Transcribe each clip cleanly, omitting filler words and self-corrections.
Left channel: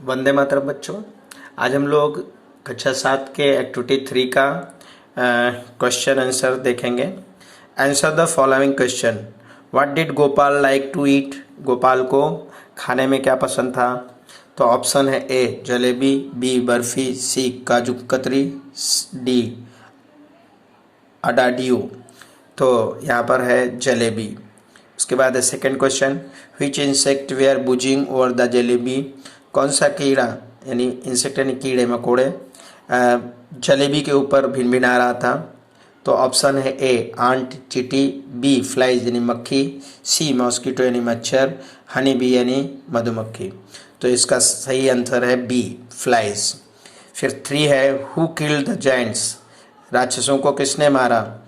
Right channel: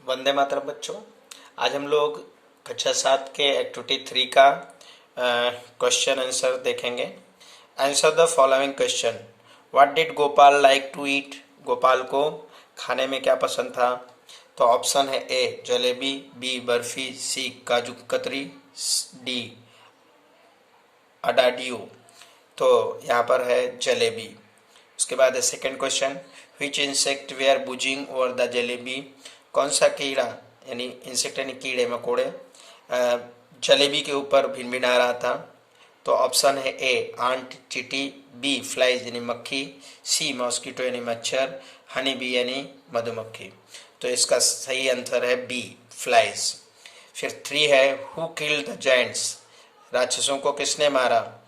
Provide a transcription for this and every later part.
वंदे मातरम बच्चों। आज हम लोग कक्षा 7 के एक्टिविटी 3 का क्वेश्चन आंसर देखेंगे। Answer the following question. What did Gopal like to eat? Gopal को खाने में क्या पसंद था? तो ऑप्शन है A jalebi, B barfi, C kaju katli, D अडाडियो। तो यहाँ पर है जलेबी। उसके बाद है second question. Which insect were buzzing over the jalebi? कौन सा कीड़ा यानी इंसेक्ट यानी कीड़े मकोड़े जलेबी के ऊपर भिनभिना रहा था? तो ऑप्शन है ए आंट चींटी, बी फ्लाइज यानी मक्खी, सी मॉस्किटो यानी मच्छर, हनी बी यानी मधुमक्खी। तो इसका सही आंसर है बी फ्लाइज। फिर 3 है हु किल्ड द जायंट्स? राक्षसों को किसने मारा?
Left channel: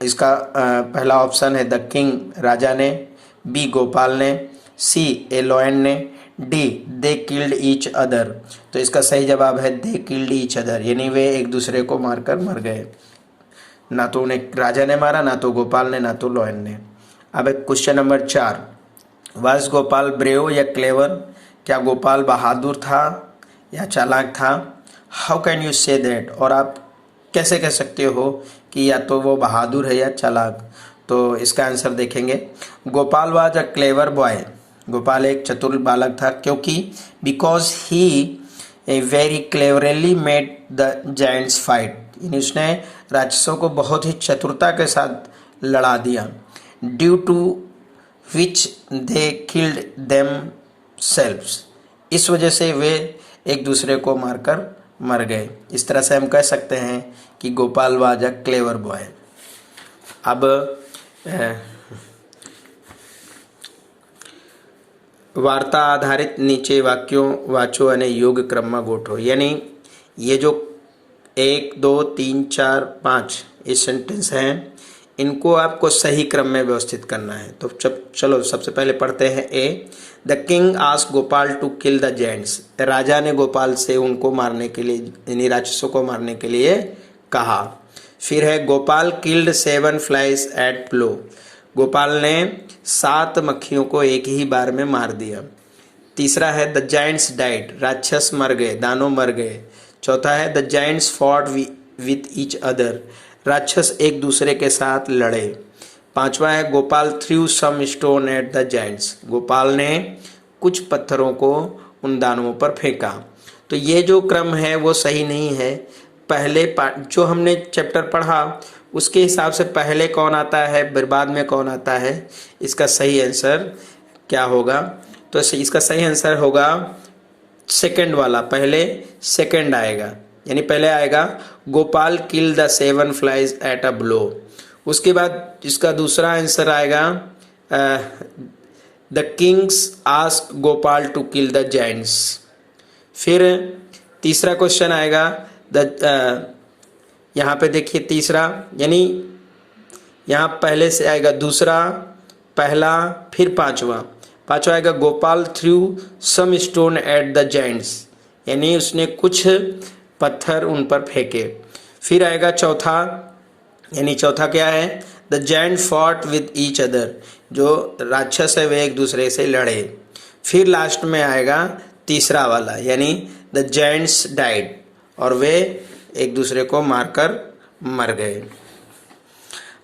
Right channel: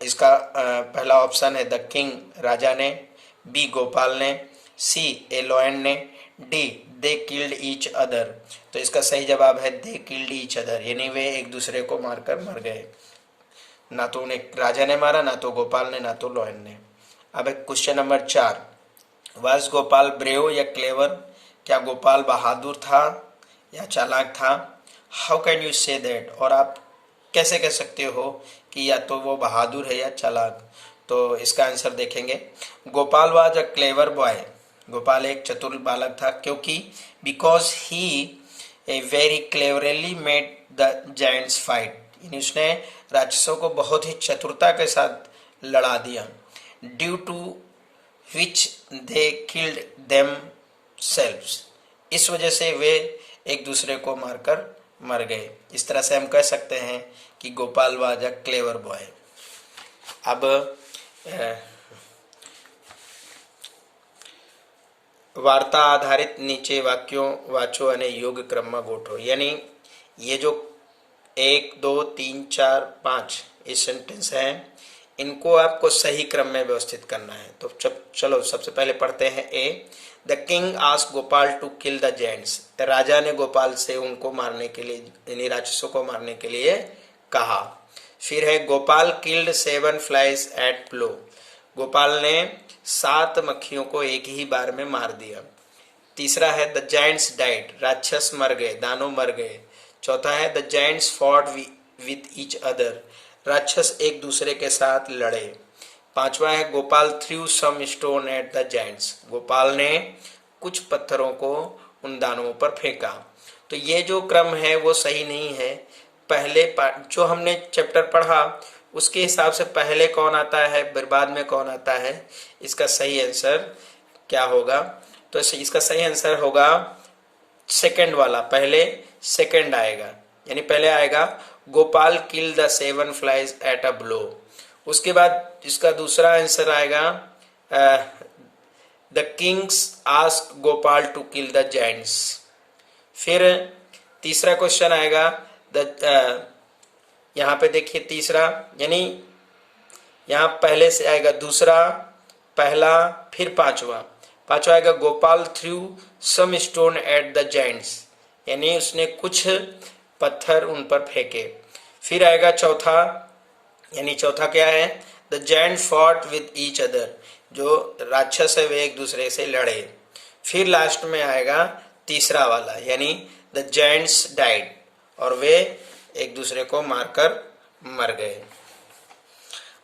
इसका पहला ऑप्शन है द किंग राजा ने, बी गोपाल ने, सी ए लॉयन ने, D they killed each other. तो इसका सही जवाब है दे किल्ड ईच अदर, यानी वे एक दूसरे को मारकर मर गए। ना तो उन्हें राजा ने मारा, ना तो गोपाल ने, ना तो लॉयन ने। अब एक question number 4। Was Gopal brave या क्लेवर? क्या गोपाल बहादुर था या चालाक था? How can you say that? और आप कैसे कह सकते हो कि या तो वो बहादुर है या चालाक? तो इसका आंसर देखेंगे। Gopal was a clever boy. Gopal एक चतुर बालक था क्योंकि because he very cleverly made the giants fight, यानी उसने राक्षसों को बहुत ही चतुरता के साथ लड़ा दिया। Due to which they killed themselves, इस वजह से वे एक दूसरे को मारकर मर गए। इस तरह से हम कह सकते हैं कि Gopal was a clever boy. अब वार्ता आधारित नीचे वाक्यों वाचो અને યોગ ક્રમમાં ગોઠવો, यानी ये जो 1 2 3 4 5 ये सेंटेंस हैं, इनको आपको सही क्रम में व्यवस्थित करना है। तो चलो सबसे पहले पढ़ते हैं A. The king asked Gopal to kill the giants. राजा ने गोपाल से उनको मारने के लिए यानी राक्षसों को मारने के लिए कहा। फिर है Gopal killed 7 flies at blow. Gopal ने 7 मक्खियों को एक ही बार में मार दिया। तीसरा है द जायंट्स डाइड। राक्षस मर गए, दानव मर गए। चौथा है the giants fought with each other. राक्षस एक दूसरे के साथ लड़े। पांचवा है Gopal threw some stone at the giants. Gopal ने कुछ पत्थरों को उन दानवों पर फेंका। तो ये जो क्रम है वो सही नहीं है। पहले जो हमने चैप्टर पढ़ा उसके हिसाब से पहले कौन आता है, बाद में कौन आता है, इसका सही आंसर क्या होगा? तो इसका सही आंसर होगा सेकंड वाला। पहले सेकंड आएगा, यानी पहले आएगा Gopal kill the 7 flies at a blow. उसके बाद इसका दूसरा आंसर आएगा the kings ask Gopal to kill the giants. फिर तीसरा क्वेश्चन आएगा यहाँ पे देखिए तीसरा, यानी यहाँ पहले से आएगा दूसरा, पहला, फिर पांचवा आएगा Gopal threw some stone at the giants, यानी उसने कुछ पत्थर उन पर फेंके। फिर आएगा चौथा, यानी चौथा क्या है? The giant fought with each other. जो राक्षस है वे एक दूसरे से लड़े। फिर लास्ट में आएगा तीसरा वाला, यानी द जायंट्स डाइड, और वे एक दूसरे को मारकर मर गए।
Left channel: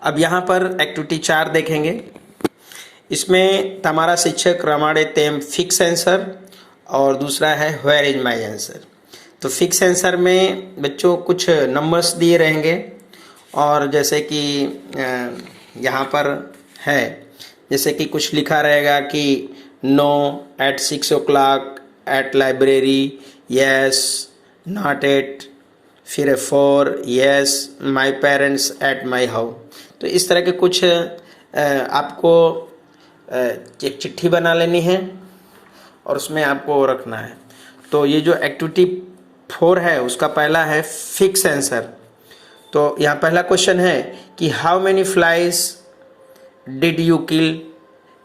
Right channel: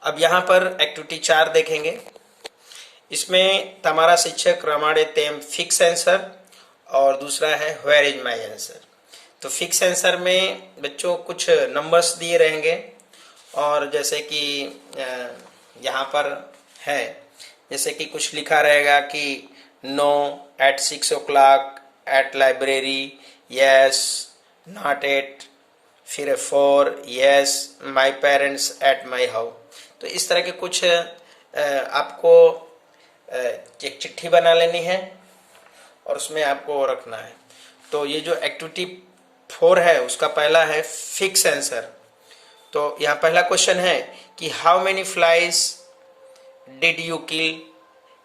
अब यहाँ पर एक्टिविटी 4 देखेंगे। इसमें हमारा शिक्षक रमाड़े तेम फिक्स आंसर और दूसरा है वेयर इज माई आंसर। तो फिक्स आंसर में बच्चों कुछ नंबर्स दिए रहेंगे, और जैसे कि यहाँ पर है, जैसे कि कुछ लिखा रहेगा कि no at 6 o'clock at library, yes not at, फिर 4 yes my parents at my house. तो इस तरह के कुछ आपको एक चिट्ठी बना लेनी है और उसमें आपको रखना है। तो ये जो एक्टिविटी 4 है उसका पहला है फिक्स आंसर। तो यहाँ पहला क्वेश्चन है कि how many flies did you kill,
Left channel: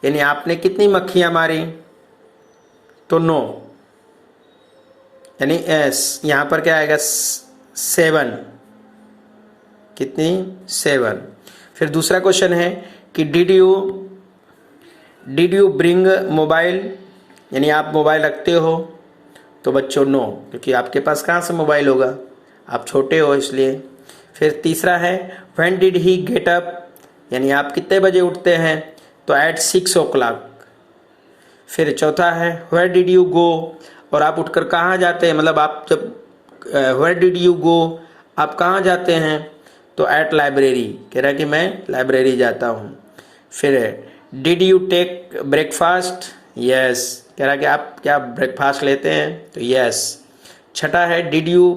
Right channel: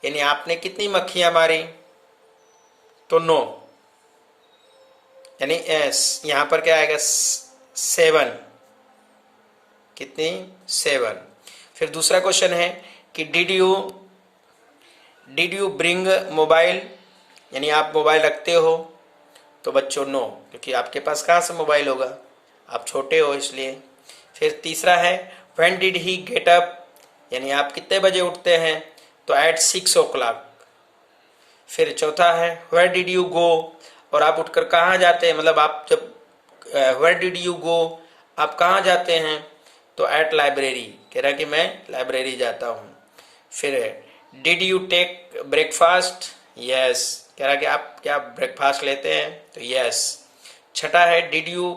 यानी आपने कितनी मक्खियां मारी? तो नो, यानी यहाँ पर क्या आएगा? 7। कितनी? 7। फिर दूसरा क्वेश्चन है कि डिड यू ब्रिंग मोबाइल, यानी आप मोबाइल रखते हो? तो बच्चों नो, क्योंकि आपके पास कहाँ से मोबाइल होगा, आप छोटे हो इसलिए। फिर तीसरा है when did he get up, यानी आप कितने बजे उठते हैं, तो एट 6 o'clock। फिर चौथा है वेयर डिड यू गो, और आप उठकर कहाँ जाते हैं, मतलब आप जब वेयर डिड यू गो, आप कहाँ जाते हैं, तो एट लाइब्रेरी, कह रहा है कि मैं लाइब्रेरी जाता हूँ। फिर did you take breakfast, yes, कह रहा कि आप क्या ब्रेकफास्ट लेते हैं, तो यस। छठा है did you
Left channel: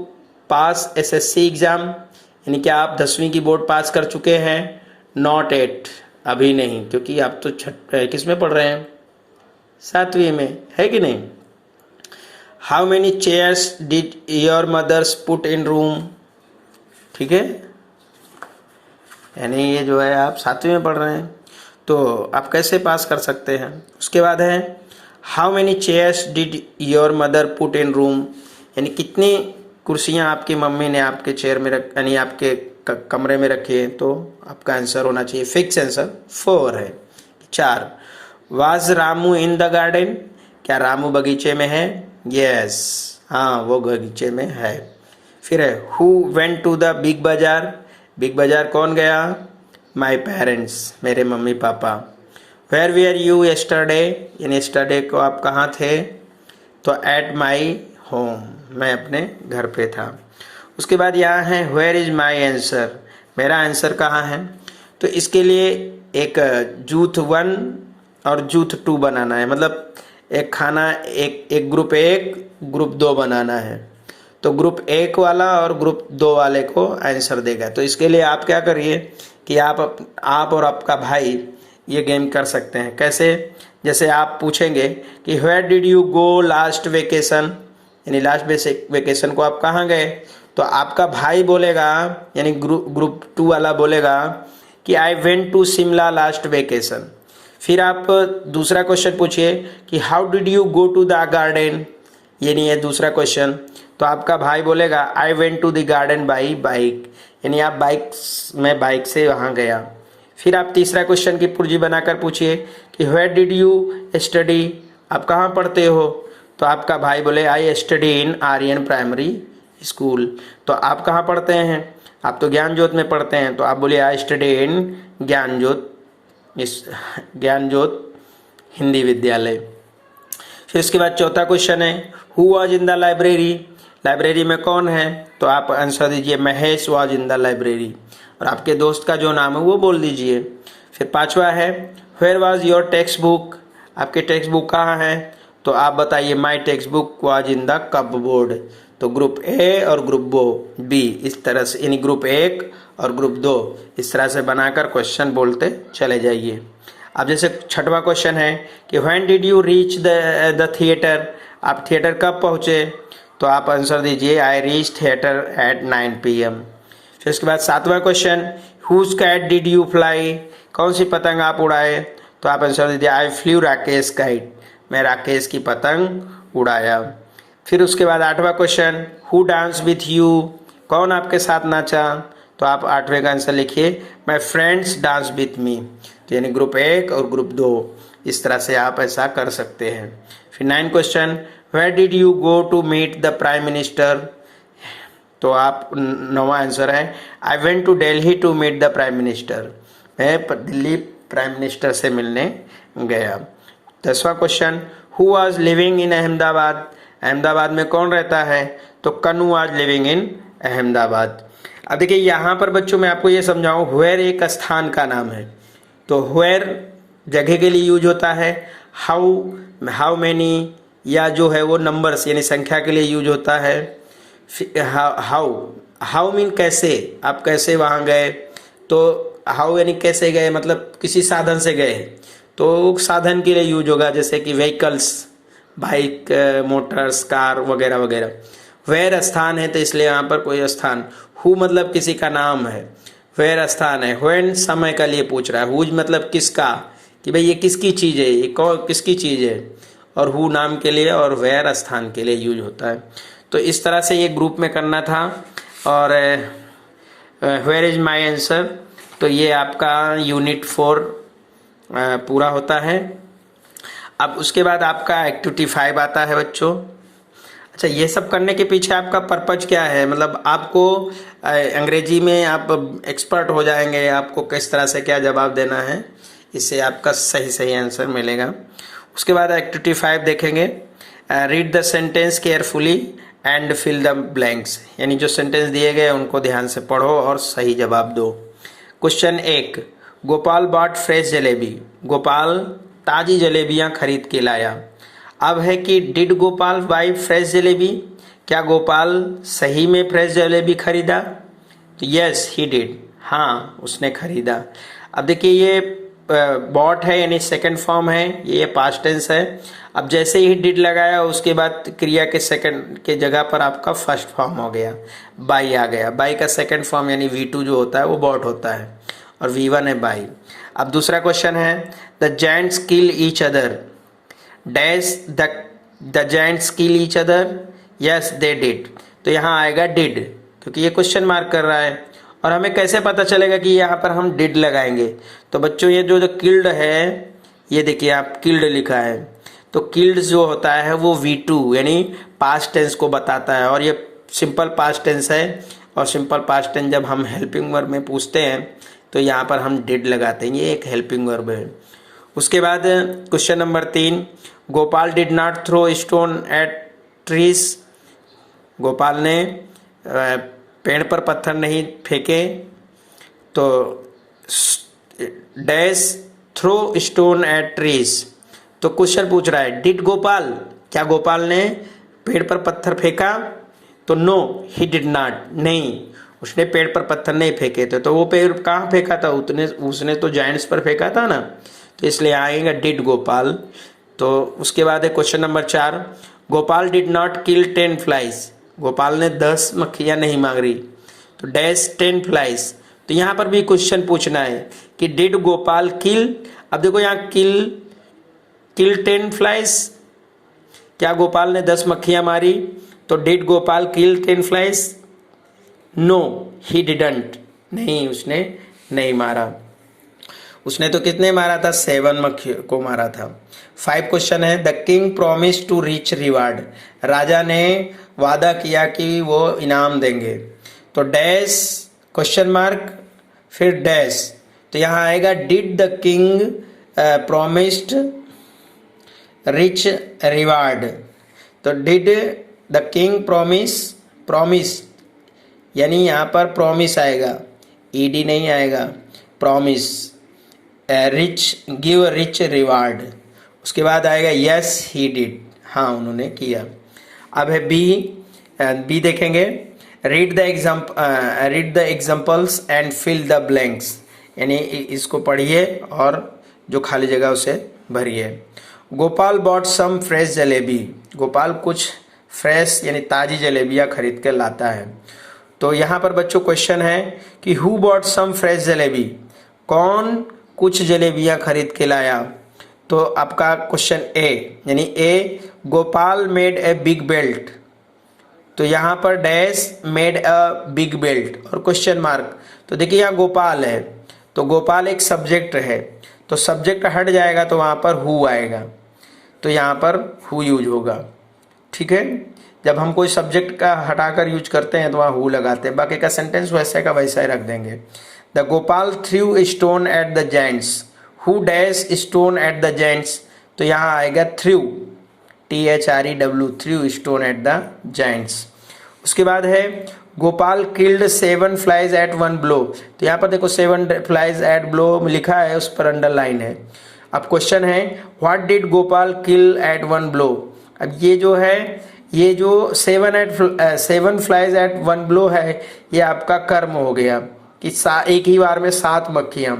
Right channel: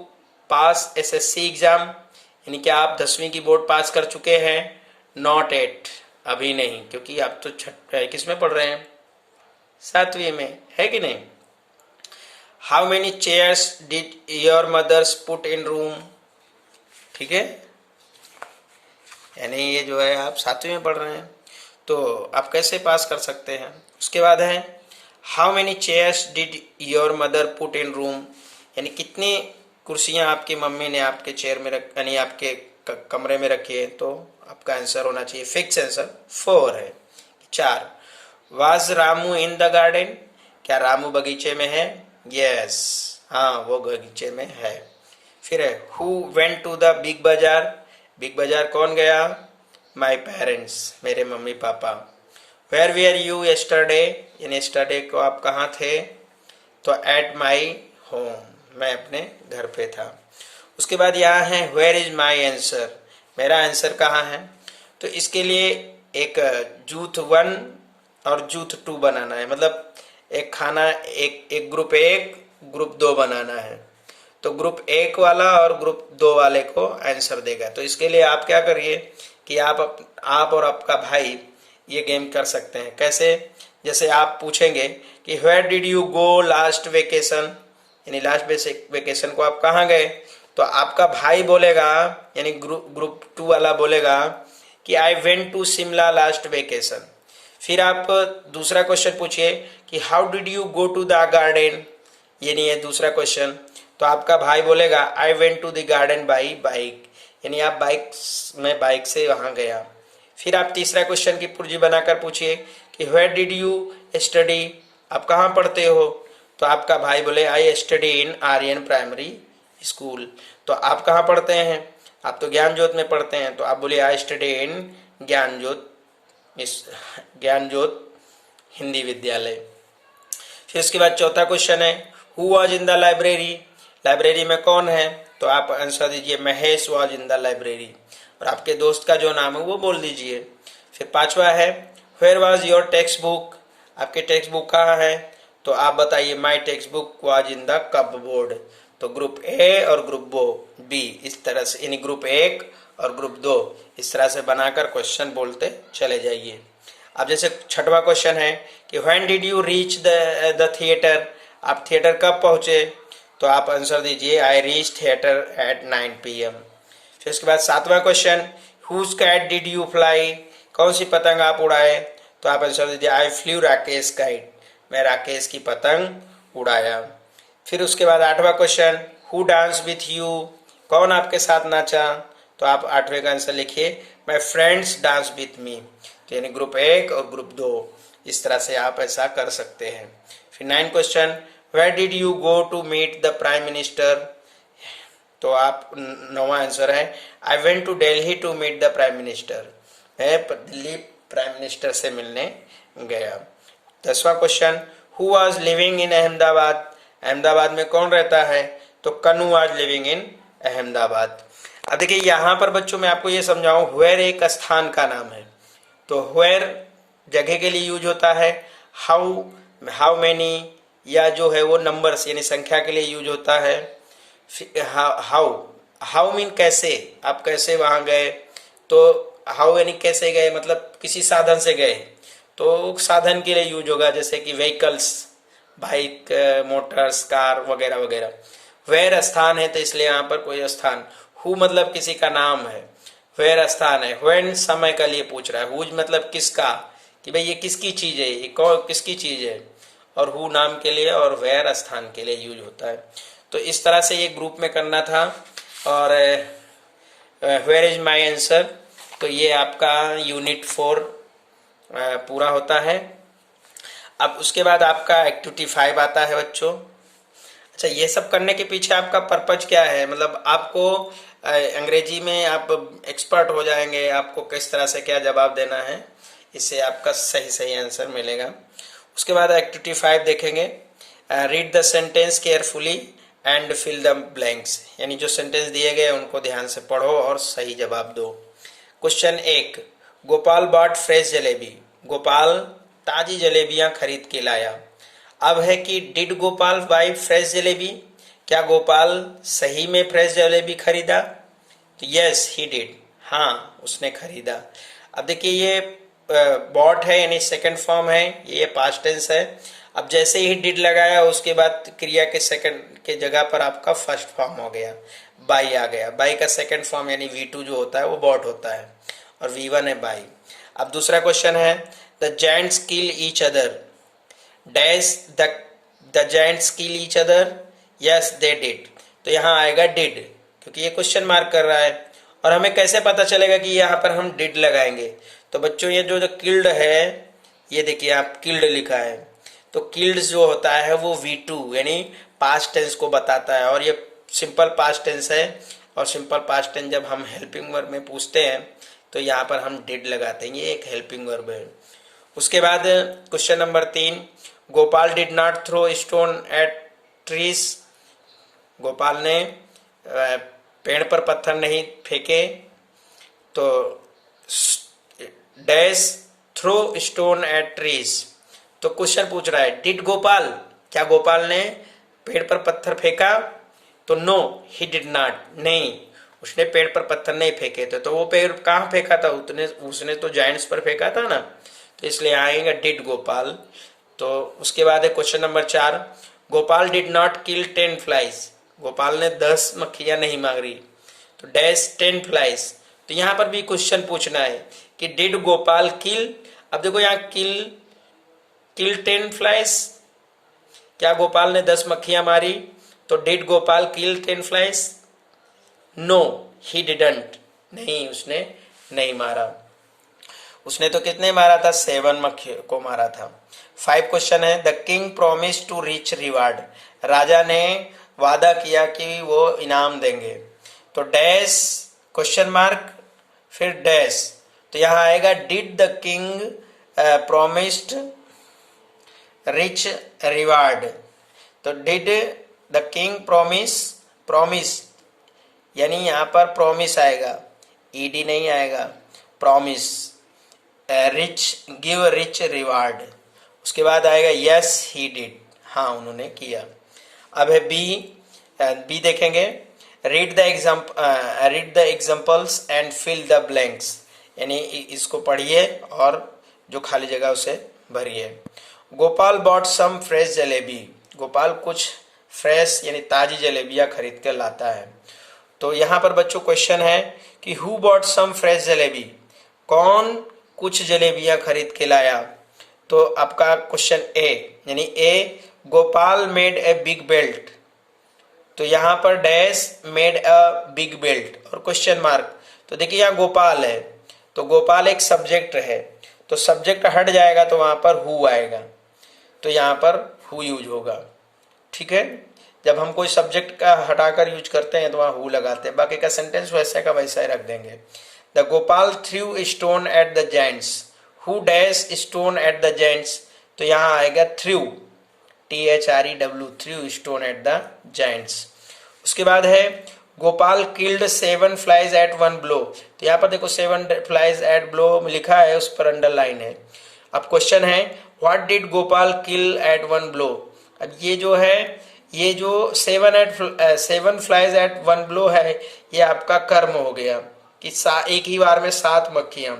pass SSC exam, यानी क्या आप 10वीं की बोर्ड पास कर चुके हैं, नॉट एट, अभी नहीं, क्योंकि आप तो किस में पढ़ रहे हैं, 7वीं में, है कि नहीं। How many chairs did your mothers put in room, ठीक है, यानी ये जो है आप 7वीं में पढ़ रहे हैं, तो आप कैसे पास कर सकते हैं। उसके बाद है how many chairs did your mother put in room, यानी कितनी कुर्सियां आपकी मम्मी ने आपके चेयर में रख, यानी आपके कमरे में रखी है, तो आपका आंसर होना चाहिए फिक्स आंसर 4 है। 4 was Ramu in the garden, क्या रामू बगीचे में है, यस, हाँ वो बगीचे में है। फिर है who went to the Big Bazaar, Big Bazaar कौन गया, माई पेरेंट्स, मेरे मम्मी पापा। वेयर वेयर यू यस्टरडे, यानी यस्टरडे को आप कहाँ थे, तो एट माई होम, मैं अपने घर पे था। उसके बाद यहाँ है वेयर इज माई आंसर, मेरा आंसर कहाँ है, तो इसके लिए एक जूथ 1 और जूथ 2 बनाना है, मतलब एक खाना एक ग्रुप 1 ग्रुप 2 बनाना है, तो ग्रुप 1 वाला और ग्रुप 2 वाले को आंसर देगा। तो इसके लिए आप क्या करिए कि आप और आपका भाई ये गेम कर सकते हैं। कैसे, जैसे आप पूछेंगे कि where did you go last vacation, यानी लास्ट वेकेशन को आप कहाँ गए, तो आपका भाई बोलेगा, यानी ग्रुप 2 वाला बोलेगा कि I went to Shimla last vacation. फिर आप दूसरा क्वेश्चन पूछिए कि how did you go to the garden, ये नहीं है दूसरा क्वेश्चन, तो आपका भाई बोलेगा I went to the garden by bike, यानी आप बाइक से वहां गया। फिर आप तीसरा क्वेश्चन की पुर्जी बनाकर पूछिए कि वेयर डिड यू स्टडी, आप कहाँ पढ़ते हो, तो आपका भाई बोले I study in Aryan primary school, तो आप कहाँ पढ़ते हैं, आप तो ज्ञान ज्योत में पढ़ते हैं, तो आप बोलिए आई स्टडी इन ज्ञान ज्योत हिंदी विद्यालय। फिर इसके बाद चौथा क्वेश्चन है who was in the library, library में कौन है, तो आप आंसर दीजिए Mahesh was in the library, और आपके दोस्त का जो नाम है वो बोल दीजिए। फिर पांचवा है where was your textbook, आपके टेक्स्ट बुक कहाँ है, तो आप बताइए my textbook was in the cupboard, तो ग्रुप ए और ग्रुप बी इस तरह से, यानी ग्रुप 1 और ग्रुप 2 इस तरह से बनाकर क्वेश्चन बोलते चले जाइए। अब जैसे छठवां क्वेश्चन है कि when did you reach the theatre, आप थिएटर कब पहुंचे, तो आप आंसर दीजिए I reach theatre at 9 PM। फिर उसके बाद सातवां question whose kite did you fly, कौन सी पतंग आप उड़ाए, तो आप आंसर दीजिए आई फ्लू राकेश काइट, मैं राकेश की पतंग उड़ाया। फिर उसके बाद आठवां question who dance with you, कौन आपके साथ नाचा, तो आप 8वें का आंसर लिखिए my friends dance with me, तो यानी ग्रुप 1 और ग्रुप 2 इस तरह से आप ऐसा कर सकते हैं। फिर 9 question where did you go to meet the prime minister, तो आप 9वां आंसर है I went to Delhi to meet the prime minister, मैं दिल्ली प्राइम मिनिस्टर से मिलने गया। 10वां question who was living in Ahmedabad, Ahmedabad में कौन रहता है, तो Kannu was living in Ahmedabad. अब देखिए यहाँ पर बच्चों मैं आपको ये समझाऊं, वेयर एक स्थान का नाम है, तो वेयर जगह के लिए यूज होता है, हाउ मेनी या जो है वो नंबर्स यानी संख्या के लिए यूज होता है। हाउ मीन कैसे, आप कैसे वहां गए, तो हाउ यानी कैसे गए, मतलब किसी साधन से गए, तो साधन के लिए यूज होगा, जैसे कि व्हीकल्स, बाइक, मोटर्स, कार वगैरह वगैरह। वेयर स्थान है तो इसलिए यहाँ पर कोई स्थान, हु मतलब किसी का नाम है, वेयर स्थान है। व्हेन समय का लिए पूछ रहा है, हुज मतलब किसका, कि भाई ये किसकी चीज है, ये कौन किसकी चीज है, और हु नाम के लिए और वेयर स्थान के लिए यूज होता है। तो इस तरह से ये ग्रुप में करना था। और वेयर इज माई आंसर, तो ये आपका यूनिट 4 पूरा होता है। अब उसके बाद आपका एक्टिविटी 5 आता है बच्चों। अच्छा, ये सब करने के पीछे आपका पर्पज क्या है? मतलब आपको अंग्रेजी में आप एक्सपर्ट हो जाएंगे, आपको किस तरह से क्या जवाब देना है, इससे आपका सही सही आंसर मिलेगा। उसके बाद एक्टिविटी 5 देखेंगे, read the sentence carefully and fill the blanks, यानी जो सेंटेंस दिए गए उनको ध्यान से पढ़ो और सही जवाब दो। Question 1, Gopal bought fresh jalebi, Gopal ताजी जलेबियां खरीद के लाया। अब है कि did Gopal buy fresh jalebi, क्या गोपाल सही में फ्रेश जलेबी खरीदा? तो यस ही डिड, हाँ उसने खरीदा। अब देखिए ये बॉट है यानी सेकंड फॉर्म है, ये पास्ट टेंस है। अब जैसे ही डिड लगाया उसके बाद क्रिया के सेकंड के जगह पर आपका फर्स्ट फॉर्म हो गया, बाई आ गया। बाई का सेकंड फॉर्म यानी V2 जो होता है वो बॉट होता है और V1 है बाई। अब दूसरा क्वेश्चन है, the giants kill each other, dash the giants kill each other, yes they did. तो यहाँ आएगा डिड, क्योंकि ये क्वेश्चन मार्क कर रहा है। और हमें कैसे पता चलेगा कि यहाँ पर हम डिड लगाएंगे? तो बच्चों ये जो किल्ड है, ये देखिए आप किल्ड लिखा है, तो किल्ड जो होता है वो V2 यानी पास्ट टेंस को बताता है, और ये सिंपल पास्ट टेंस है। और सिंपल पास्ट टेंस जब हम हेल्पिंग वर्ब में पूछते हैं तो यहाँ पर हम डिड लगाते हैं, ये एक हेल्पिंग वर्ब है। उसके बाद question number 3, Gopal did not throw stone at trees, Gopal ने पेड़ पर पत्थर नहीं फेंके, तो dash throw stone at trees. तो क्वेश्चन पूछ रहा है डिड गोपाल, क्या गोपाल ने पेड़ पर पत्थर फेंका? तो नो ही डिड नॉट, नहीं उसने पेड़ पर पत्थर नहीं फेंके थे। तो वो पेड़ कहाँ फेंका था? उसने तो जायंट्स पर फेंका था ना, तो इसलिए आएगा डिड गोपाल। तो उसके बाद है question number 4, Gopal did not kill 10 flies, Gopal ने 10 मक्खियां नहीं मारी, तो डैश 10 फ्लाइज। तो यहाँ पर भी क्वेश्चन पूछना है कि डिड गोपाल किल। अब देखो यहाँ किल 10 फ्लाइज, क्या गोपाल ने 10 मक्खियां मारी? तो did Gopal kill 10 flies? No he didn't, नहीं उसने नहीं मारा। उसने तो कितने मारा था? 7 मक्खियों को मारा था। 5 क्वेश्चन है, the king promise to reach reward, राजा ने वादा किया कि वो इनाम देंगे, तो डैश क्वेश्चन मार्क फिर डैश। तो यहाँ आएगा did the king promised rich reward. तो डिड द किंग प्रोमिस यानी यहाँ पर प्रोमिस आएगा, ईडी नहीं आएगा, promise rich give rich reward. उसके बाद आएगा यस ही डिड, हाँ उन्होंने किया। अब है बी देखेंगे, read the examples and fill the blanks, यानी इसको पढ़िए और जो खाली जगह उसे भरिए। Gopal bought some fresh jalebi, Gopal कुछ फ्रेश यानी ताजी जलेबियां खरीद कर लाता है। तो यहाँ पर बच्चों क्वेश्चन है कि who bought some fresh jalebi, कौन कुछ जलेबियां खरीद के लाया? तो आपका क्वेश्चन ए यानी A, Gopal made a big belt, तो यहाँ पर dash made a big belt और क्वेश्चन मार्क। तो देखिए यहाँ गोपाल है, तो गोपाल एक सब्जेक्ट है, तो सब्जेक्ट हट जाएगा तो वहां पर हु आएगा, तो यहाँ पर हु यूज होगा। ठीक है, जब हम कोई सब्जेक्ट का हटाकर यूज करते हैं तो वहां हु लगाते हैं, बाकी का सेंटेंस वैसे का वैसा ही रख देंगे। The Gopal threw stone at the giants, who dash stone at the giants, तो यहाँ आएगा threw, THREW, threw stone at the giants. उसके बाद है Gopal killed 7 flies at 1 blow, तो यहाँ पर देखो 7 फ्लाइज एट ब्लो लिखा है, उस पर अंडरलाइन है। अब क्वेश्चन है what did Gopal kill at 1 blow. अब ये जो है, ये जो 7 फ्लाइज एट 1 ब्लो है, ये आपका कर्म हो गया कि एक ही बार में 7 मक्खियां।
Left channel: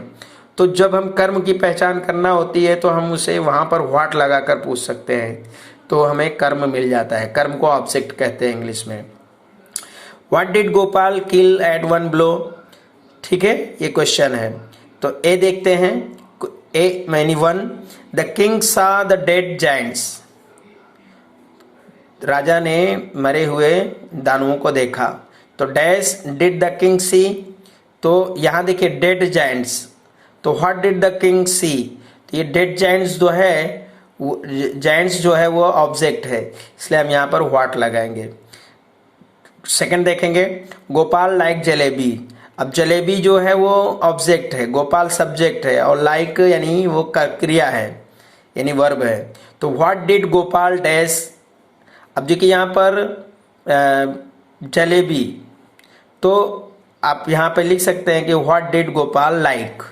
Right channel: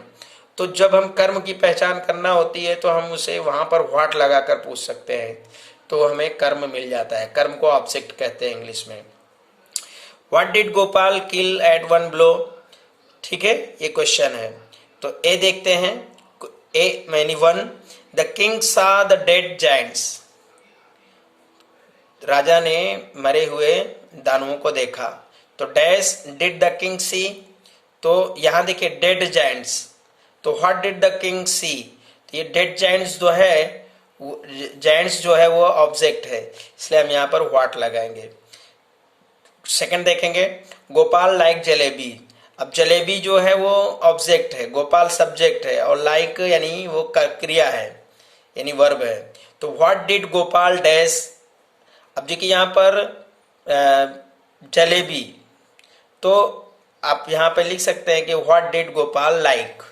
तो जब हम कर्म की पहचान करना होती है तो हम उसे वहां पर व्हाट लगाकर पूछ सकते हैं, तो हमें कर्म मिल जाता है। कर्म को ऑब्जेक्ट कहते हैं इंग्लिश में। What did Gopal kill at 1 blow, ठीक है, ये क्वेश्चन है। तो ए देखते हैं, A many 1, the king saw the dead giants, राजा ने मरे हुए दानवों को देखा, तो dash did the king see, तो यहां देखिए डेड जायंट्स, तो what did the king see, तो ये डेड जायंट्स जो है जायंट्स जो है वो ऑब्जेक्ट है, इसलिए हम यहाँ पर व्हाट लगाएंगे। सेकंड देखेंगे, गोपाल लाइक जलेबी। अब जलेबी जो है वो ऑब्जेक्ट है, गोपाल सब्जेक्ट है, और लाइक यानी वो क्रिया है, यानी वर्ब है। तो व्हाट डिड गोपाल डैश। अब देखिए यहाँ पर जलेबी, तो आप यहाँ पर लिख सकते हैं कि व्हाट डिड गोपाल लाइक।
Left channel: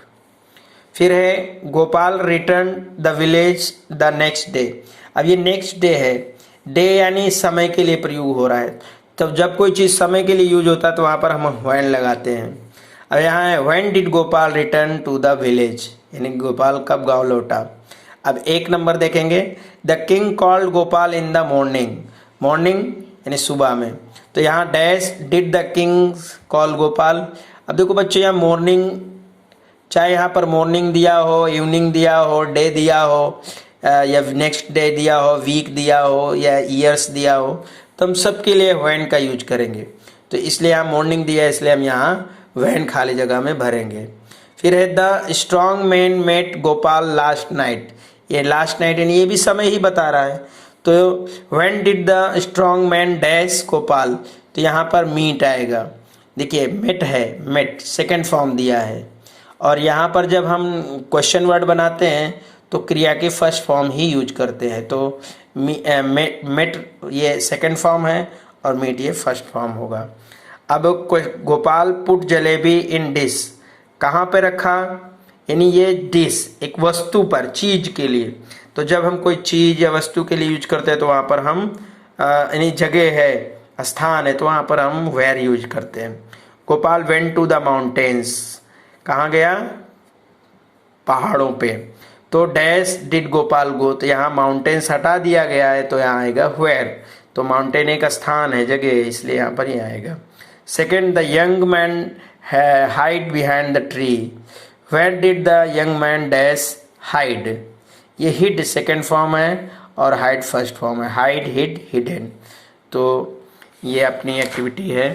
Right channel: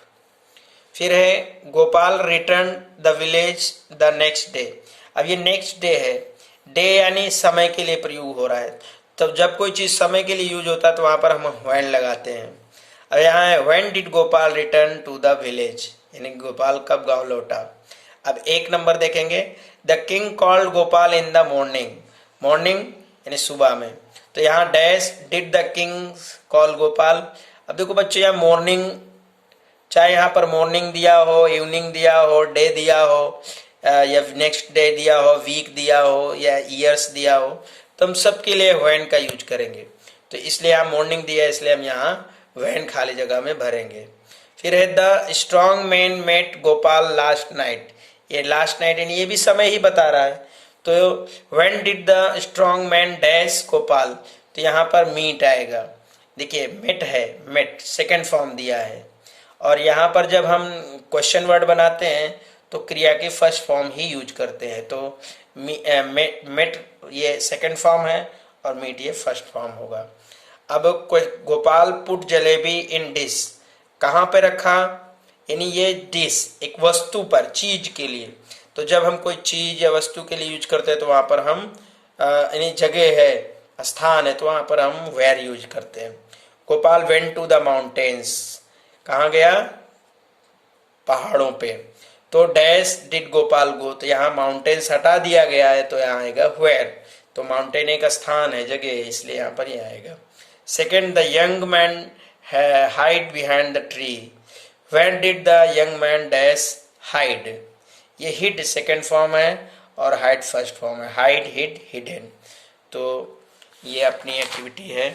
फिर है Gopal return the village the next day. अब ये नेक्स्ट डे है, डे यानी समय के लिए प्रयोग हो रहा है। तब जब कोई चीज समय के लिए यूज होता है तो वहां पर हम व्हेन लगाते हैं। अब यहाँ है when did Gopal return to the village, यानी गोपाल कब गांव लौटा। अब एक नंबर देखेंगे, the king called Gopal in the morning. Morning यानी सुबह में, तो यहाँ dash did the king call Gopal. अब देखो बच्चों, यहाँ मॉर्निंग, चाहे यहाँ पर मॉर्निंग दिया हो, इवनिंग दिया हो, डे दिया हो, या नेक्स्ट डे दिया हो, वीक दिया हो, या ईयर्स दिया हो, तो हम सबके लिए व्हेन का यूज करेंगे। तो इसलिए यहाँ मॉर्निंग दिया है, इसलिए हम यहाँ व्हेन खाली जगह में भरेंगे। फिर है the strong man met Gopal last night. ये लास्ट नाइट यानी ये भी समय ही बता रहा है। तो when did the strong man dash Gopal, तो यहाँ पर मीट आएगा। देखिए मेट है, मेट सेकेंड फॉर्म दिया है, और यहाँ पर जब हम क्वेश्चन वर्ड बनाते हैं तो क्रिया के फर्स्ट फॉर्म ही यूज करते हैं। तो मेट ये सेकंड फॉर्म है और मीट ये फर्स्ट फॉर्म होगा। अब गोपाल पुट जलेबी इन डिश, कहाँ पे रखा, यानी ये डिश एक वस्तु पर, चीज के लिए। तो जब हम कोई चीज या वस्तु के लिए यूज करते हैं तो वहां पर हम यानी जगह है, स्थान है, तो वहां पर हम वेयर यूज करते हैं। Gopal went to the mountains, कहाँ गया, पहाड़ों पे। तो डैश डिड गोपाल गो, तो यहाँ माउंटेन्स हटा दिया गया है, तो यहाँ आएगा वेयर। तो माउंटेन एक स्थान है, जगह है, इसलिए यहाँ पर ये आएगा। Second, the young man hide behind the tree. When did the young man dash hide. ये हिड सेकेंड फॉर्म है और हाइड फर्स्ट फॉर्म है, हाइड हिड हिडन। तो ये अपनी एक्टिविटी है।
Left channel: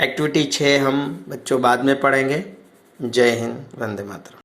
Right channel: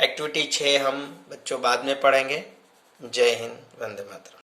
एक्टिविटी 6 हम बच्चों बाद में पढ़ेंगे। जय हिंद, वंदे मातरम।